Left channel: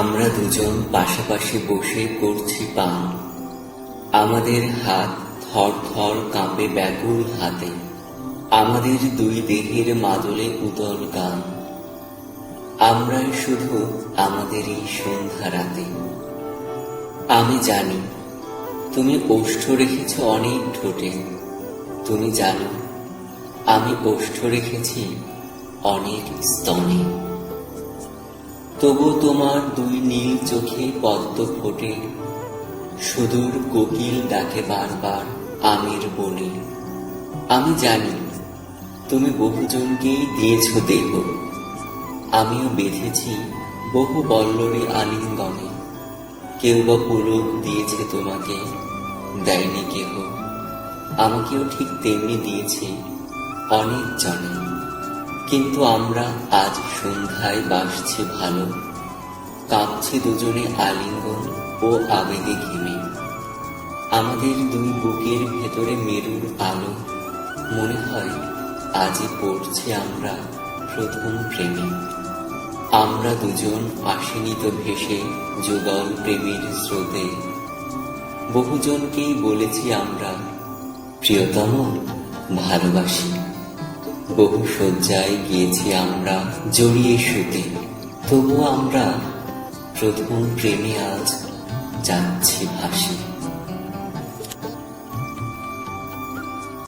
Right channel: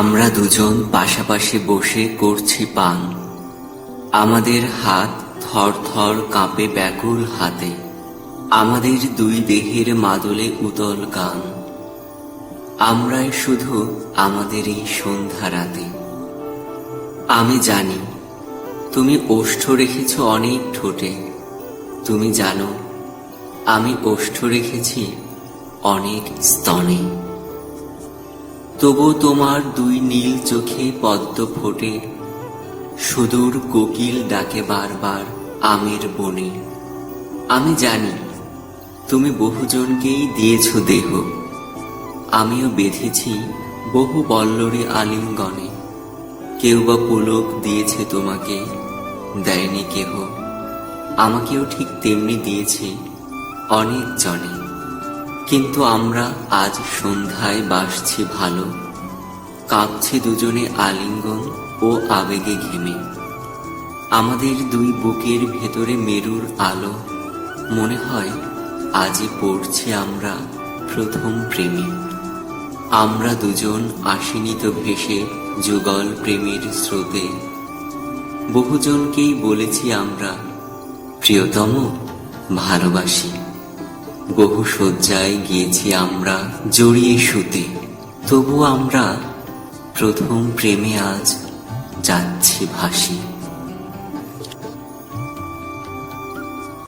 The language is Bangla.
আমরা দুজন পাশাপাশি বসে করছি পান, আমাদের হাত থর থর কাঁপে ব্যাকুল হাতে, আমাদের দুই দেহের মাদলে উতল গান। আমরাই শুধু আমাদের এই সন্ধ্যা রাতে। আমি জানি তুমি ওষ্ঠ রেখেছ অনেক ঠোঁটে, তুমি জানো আমি ওষ্ঠ রেখেছি অনেক স্তনে। তবু তোমার দুই নীল চোখে পদ্ম ফোটে, সুদূর কোকিল ডাকে বারবার আমের বনে। আমি জানি তুমি বহুজনকেই দিয়েছ দেহ, আমিও বেঁধেছি বহু বল্লরে আলিঙ্গনে। কেউ বা পুলক দিয়েছে তোমাকে, দেয়নি কেহ, আমাকেও ঠিক তেমনি দিয়েছে অনেক জনে। কিন্তু আমরা আজ সন্ধ্যায় বাসছি ভালো, কাঁপছে দুজনে আলিঙ্গন ও আবেগে ঘেমে। আমাদের দুই বুকের ভেতরে মেরুর আলো, মনে হয় আজই পড়ছি আমরা প্রথম প্রেমে। আমরা দুজন আসিনি তো ভেসে যুগল প্রেমের স্রোতে, বহুজনকেই বলেছি আমরা প্রিয়তম ভালোবাসি। বহু শয্যায় গিয়েছি আমরা জড়িয়ে শুতে, তবু আমরা প্রথম প্রেমে আজ যাচ্ছি ভাসি।